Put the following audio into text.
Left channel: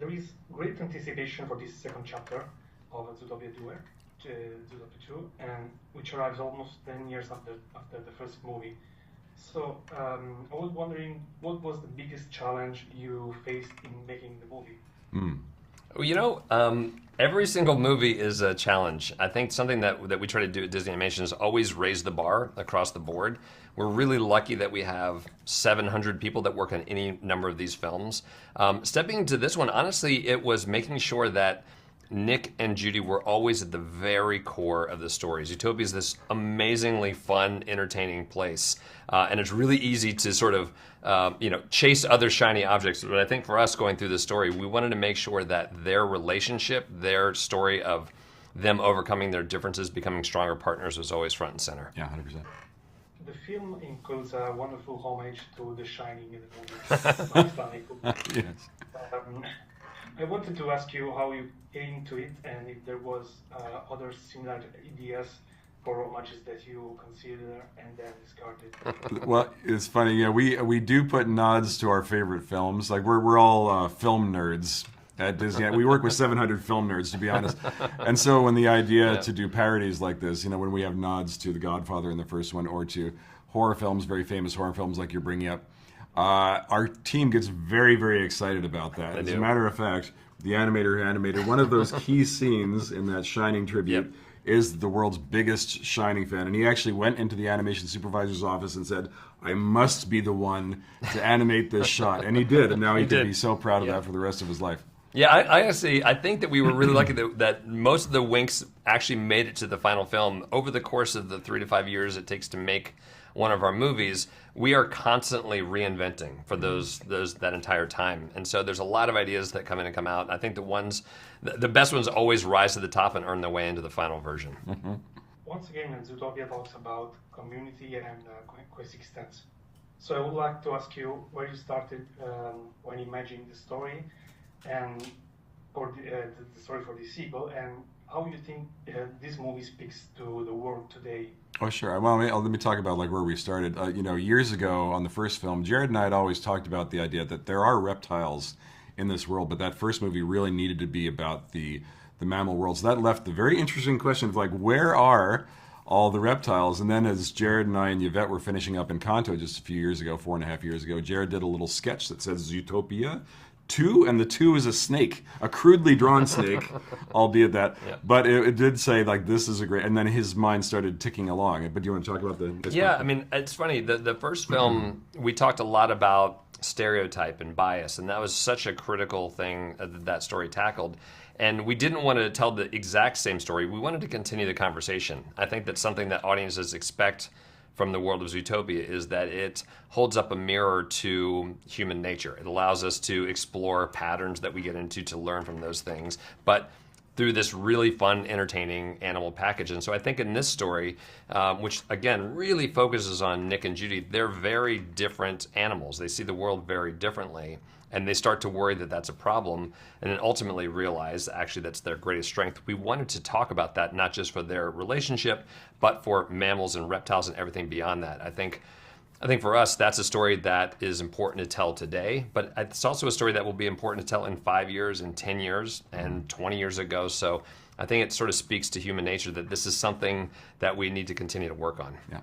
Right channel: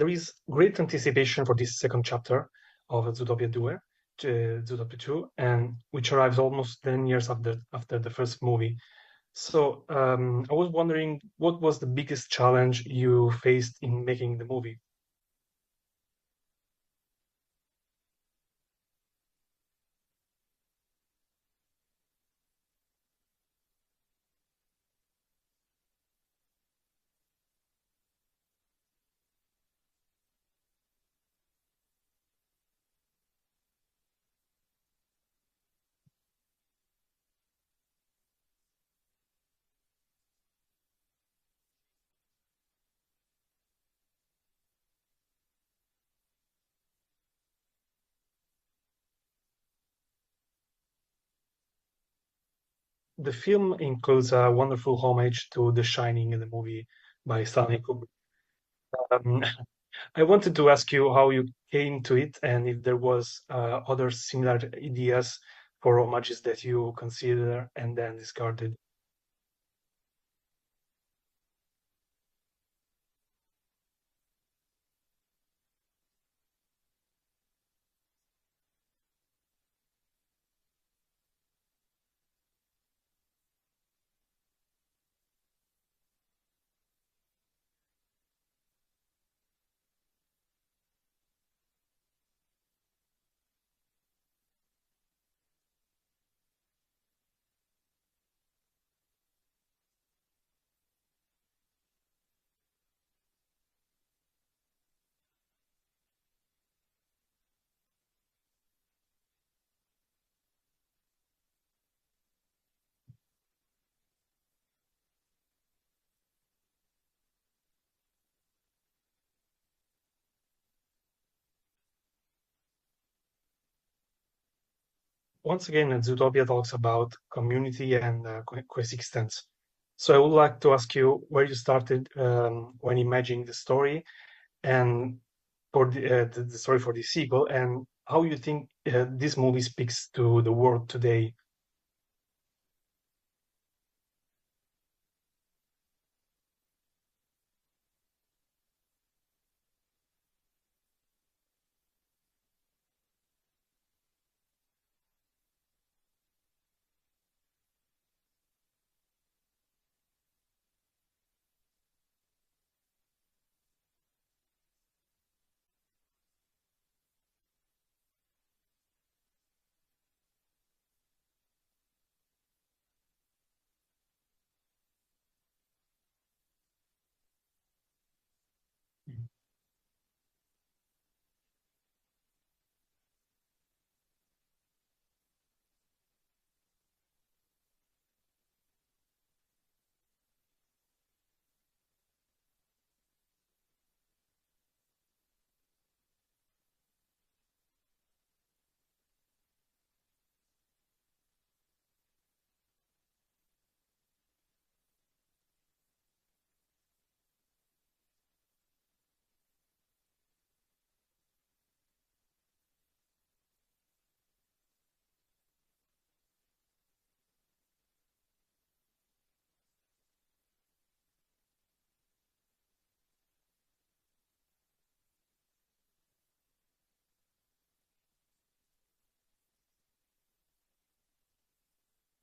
there is great anticipation for this second chapter of Zootopia 2, Zootopia 2, and which arrives almost 10 years after the first movie. So I was wondering, what was the biggest challenge you faced in making the movie? Well, every single movie is a challenge. I think something that we try to do at Disney Animation is always raise the bar across the board. We're really lucky that we have 700 people that work on any number of these films. Stepping into this one, honestly, it was making sure that Nick and Judy were always at the very core of the story. Zootopia is this amazingly fun, entertaining place, and it's really easy to sort of, chase other shiny objects. But I think for us going through this story, we wanted to make sure that their relationship, their story of them overcoming their differences, becoming stronger partners, was always front and center. Yeah, 100%. The film includes a wonderful homage to The Shining in the movie by Stanley Kubrick. Yes. Um, I wanted to ask you how you came to it and if there was other similar ideas for homages that you consider and then discarded. Well, it's funny. Yeah, we do put nods to our favorite films. Like we're all film nerds at Disney. We work with 700 film nerds, to be honest. And so when the idea to do parodies like this, when we have nods to The Godfather in the first one, or to horror films, very famous horror films like you're bringing up, our team gets very, very excited about that. As a matter of fact, the animator who animated one of those key scenes in that Shining tribute is the world's biggest Shining fan. And he actually went into the animation supervisor's office and said, I must be the one to animate this shot. And he did. And now he can be so proud of that for the rest of his life. Yeah, I honestly, I think that we were really lucky that most of the winks actually made it to the final film. Over the course of the 3 to 5 years it takes to make one of our movies, we are constantly reinventing for that entire time. And so there's a lot of ideas that come in and come out. I think the best ones always rise to the top and earn their way into the final version. Mm-hmm. Once again, Zootopia talks about community and coexistence. So I would like to ask you where you started when imagining the story and for the story for the sequel, and how you think this movie speaks to the world today. Oh, sure. Well, let me talk about where we started. Years ago on the first film, Jared and I had always talked about the idea that there are reptiles in this world, but that first movie really needed to be about the mammal world. So that left the very interesting question of where are all the reptiles? And then as Jared and I and Yvette were finishing up Encanto just a few years ago, 4.5 years ago, Jared did a little sketch that says Zootopia 2, and the 2 is a snake, a crudely drawn snake, albeit that. Yeah. But it did say this is a great, and then his mind started ticking along. But do you want to talk about the? Yeah, I mean, it's funny. The first film we talked a lot about stereotype and bias, and that was such a critical thing that story tackled. And we didn't want to tell the exact same story. We wanted to continue the conversation. I think that's something that audiences expect from the world of Zootopia, is that it holds up a mirror to human nature. It allows us to explore patterns that we get into, to learn from those things, but through this really fun, entertaining animal package. And so I think in this story, which again really focuses on Nick and Judy, they're very different animals. They see the world very differently, and they start to worry that that's a problem, and then ultimately realize actually that's their greatest strength. We wanted to talk about that, not just for their relationship, but for mammals and reptiles and everything beyond that. I think for us, that's a story that is important to tell today, but it's also a story that will be important to tell in 5 years, and 10 years, and 20 years ago. So I think it sort of speaks to human nature that this is something that we need to continue to work on. Yeah.